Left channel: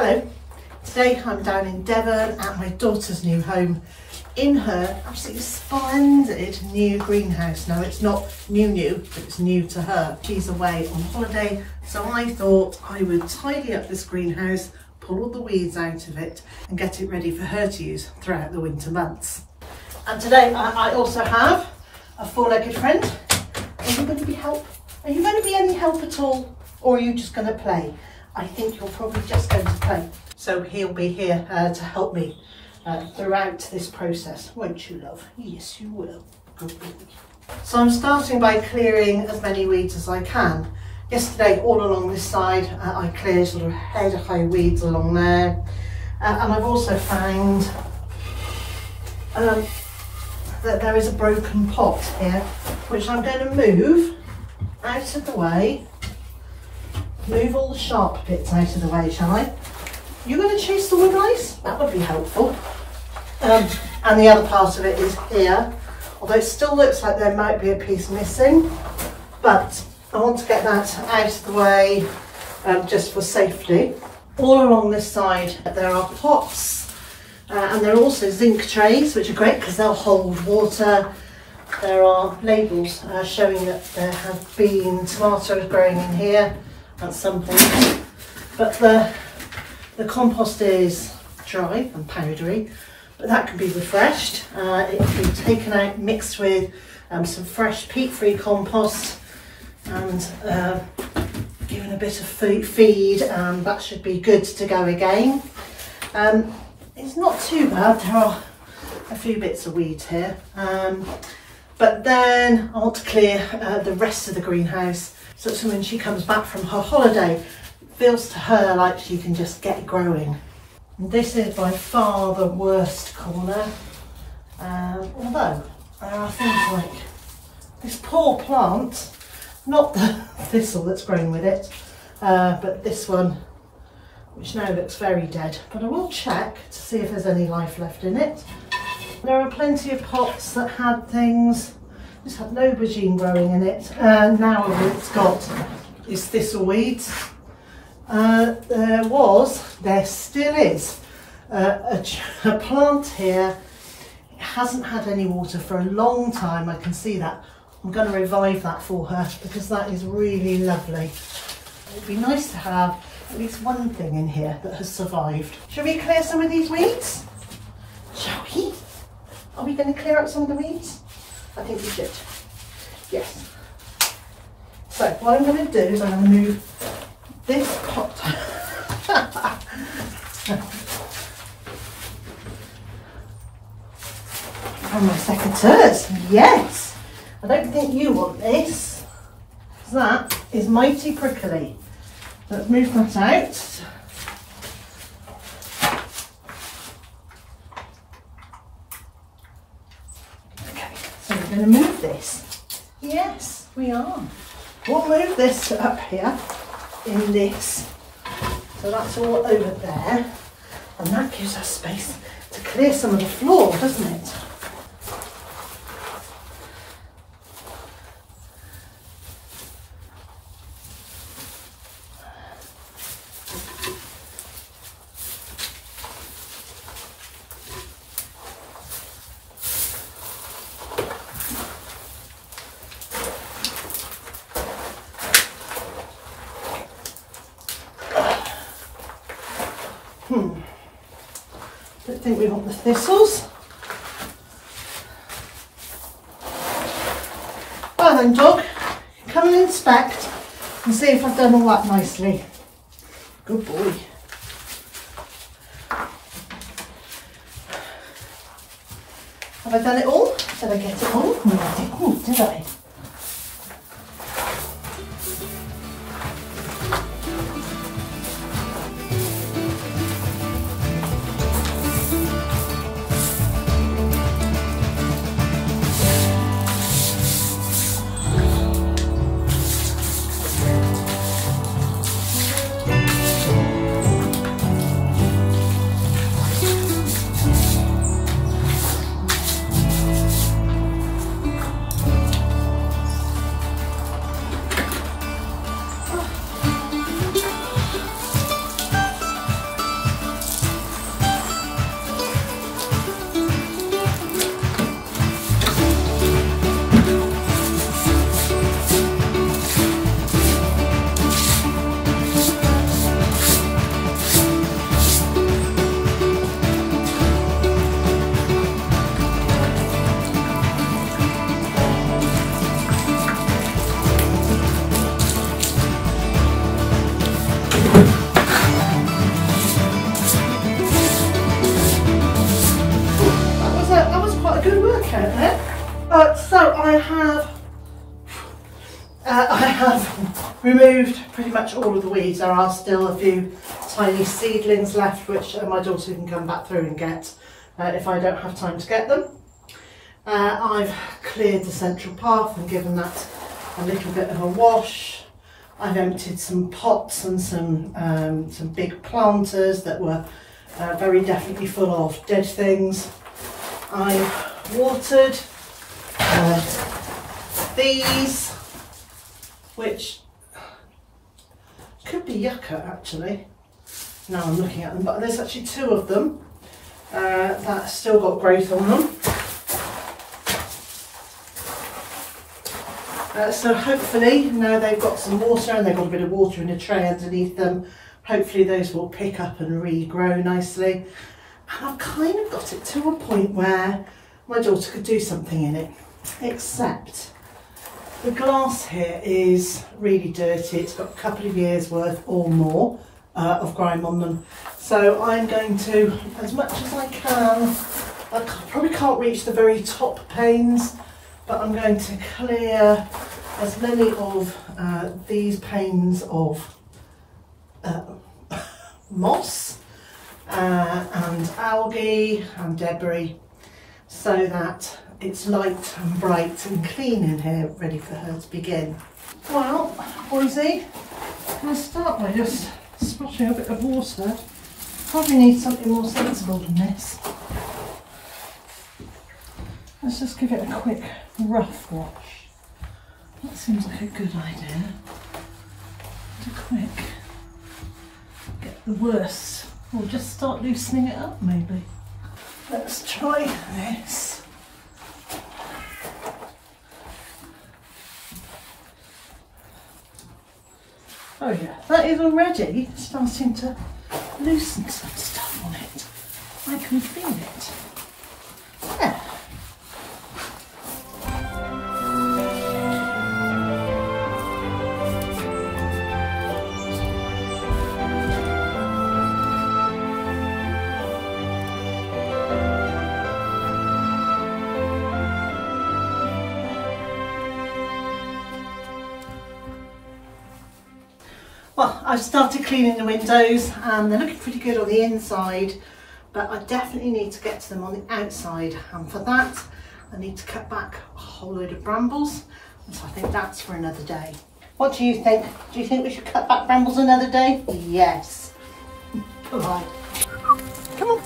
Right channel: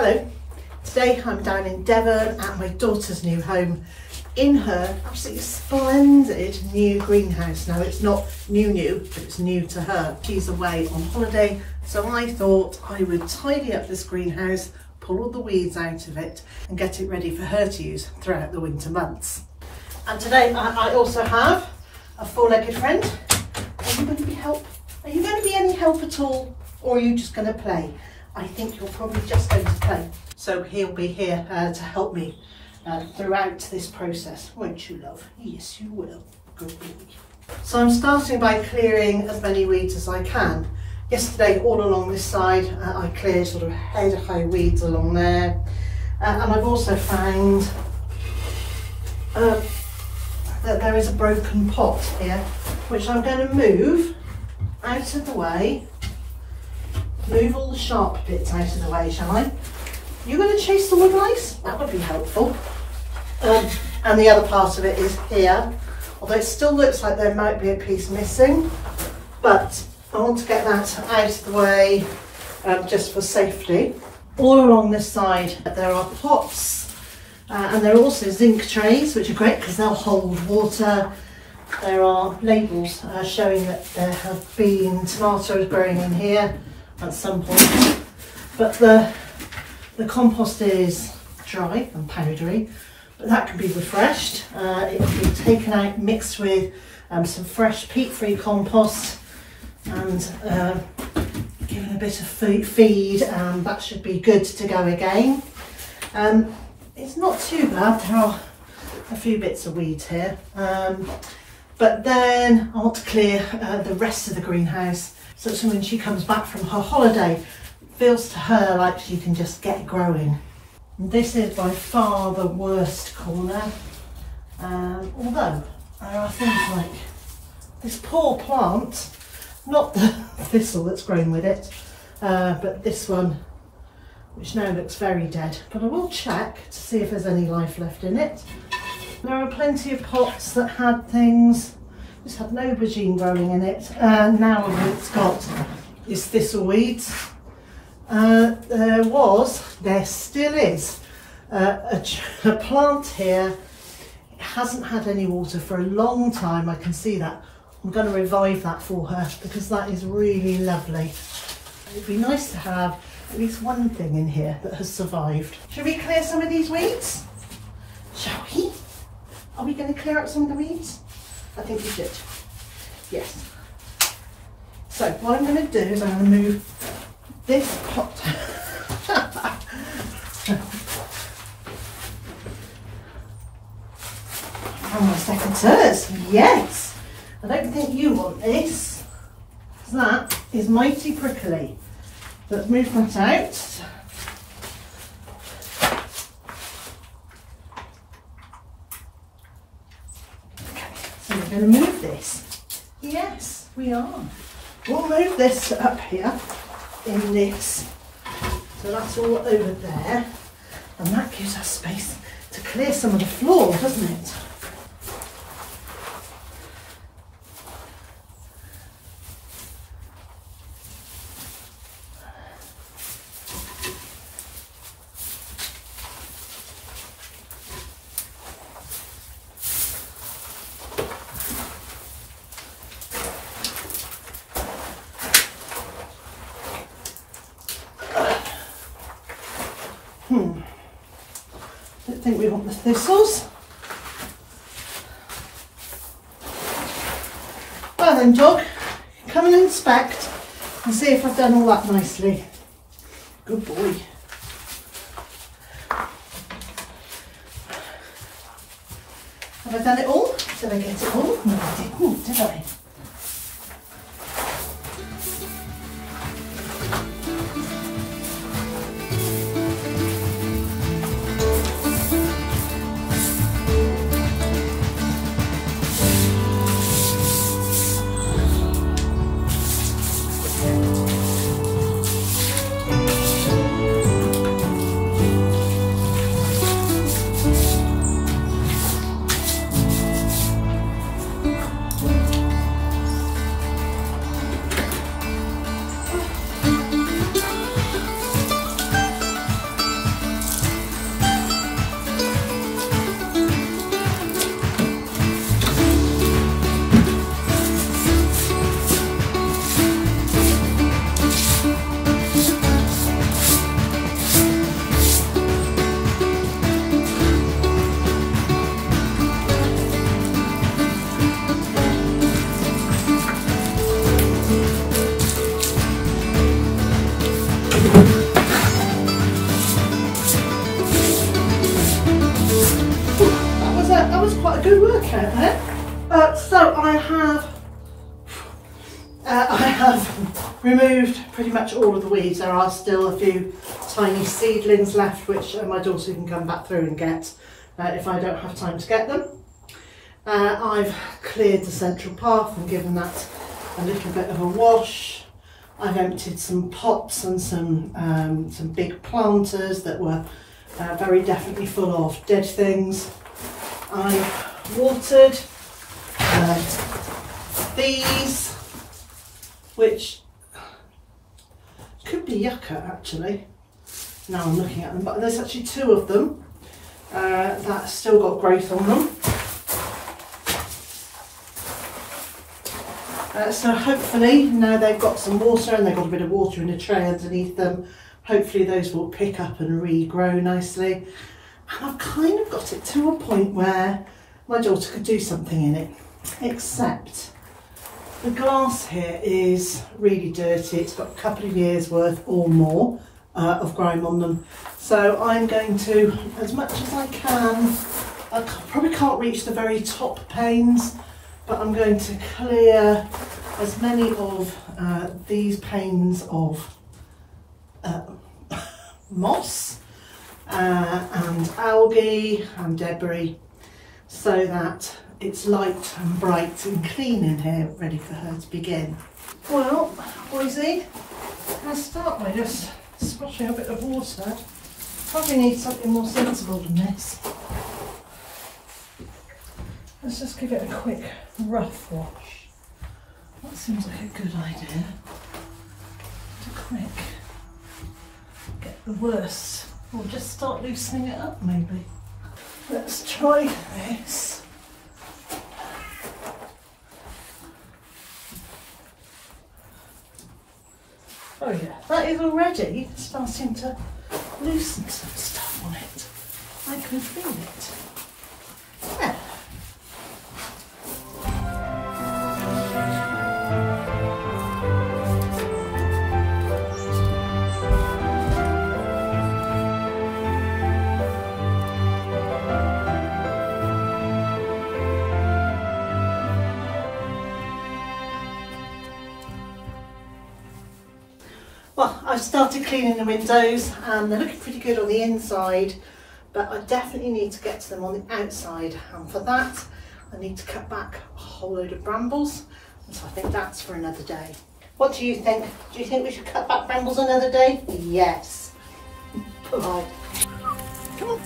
Hello, today I'm down in Devon at my daughter's new home in her absolutely splendid new greenhouse. Now it's not new, but it's new to her. She's away on holiday, so I thought I would tidy up this greenhouse, pull all the weeds out of it and get it ready for her to use throughout the winter months. And today I also have a four-legged friend. Are you going to be help? Are you going to be any help at all, or are you just going to play? I think you're probably just going to play. So he'll be here to help me throughout this process, won't you, love? Yes, you will. Good boy. So I'm starting by clearing as many weeds as I can. Yesterday, all along this side, I cleared sort of head-high weeds along there. And I've also found that there is a broken pot here, which I'm going to move out of the way. Move all the sharp bits out of the way, shall I? You're going to chase the wood lice? That would be helpful. And the other part of it is here, although it still looks like there might be a piece missing, but I want to get that out of the way just for safety. All along this side there are pots and there are also zinc trays, which are great because they'll hold water. There are labels showing that there have been tomatoes growing in here at some point, but the compost is dry and powdery, but that can be refreshed. It can be taken out, mixed with some fresh peat-free compost and given a bit of feed, that should be good to go again. It's not too bad, there are a few bits of weeds here, but then I want to clear the rest of the greenhouse, so when she comes back from her holiday, it feels to her like she can just get growing. And this is by far the worst corner, although there are things like this poor plant, not the thistle that's growing with it, but this one, which now looks very dead. But I will check to see if there's any life left in it. There are plenty of pots that had things. This had no aubergine growing in it, and now all it's got is thistle weeds. There still is a plant here. It hasn't had any water for a long time, I can see that. I'm going to revive that for her because that is really lovely. It'd be nice to have at least one thing in here that has survived. Shall we clear some of these weeds? Shall we? Are we going to clear out some of the weeds? I think we should. Yes. So what I'm going to do is I'm going to move this pot. And my secateurs. Yes. I don't think you want this. That is mighty prickly. Let's move that out. Okay, so we're going to move this. Yes, we are. We'll move this up here in this. So that's all over there. And that gives us space to clear some of the floor, doesn't it? Don't think we want the thistles. Well then, dog, come and inspect and see if I've done all that nicely. Good boy. Have I done it all? Did I get it all? No, I didn't, did I? Okay there. So I have removed pretty much all of the weeds. There are still a few tiny seedlings left, which my daughter can come back through and get if I don't have time to get them. I've cleared the central path and given that a little bit of a wash. I've emptied some pots and some big planters that were very definitely full of dead things. I've watered these, which could be yucca actually. Now I'm looking at them, but there's actually two of them that still got growth on them. So hopefully now they've got some water and they've got a bit of water in a tray underneath them, hopefully those will pick up and regrow nicely. And I've kind of got it to a point where my daughter could do something in it, except the glass here is really dirty. It's got a couple of years worth or more of grime on them. So I'm going to, as much as I can, I probably can't reach the very top panes, but I'm going to clear as many of these panes of moss and algae and debris, so that it's light and bright and clean in here, ready for her to begin. Well, Boise, I'm going to start by just splashing a bit of water. Probably need something more sensible than this. Let's just give it a quick rough wash. That seems like a good idea. To quick get the worst, or just start loosening it up maybe. Let's try this. Oh yeah, that is already starting to loosen some stuff on it. I can feel it. There. Well, I've started cleaning the windows and they're looking pretty good on the inside, but I definitely need to get to them on the outside, and for that I need to cut back a whole load of brambles, and so I think that's for another day. What do you think? Do you think we should cut back brambles another day? Yes. Come on. Come on.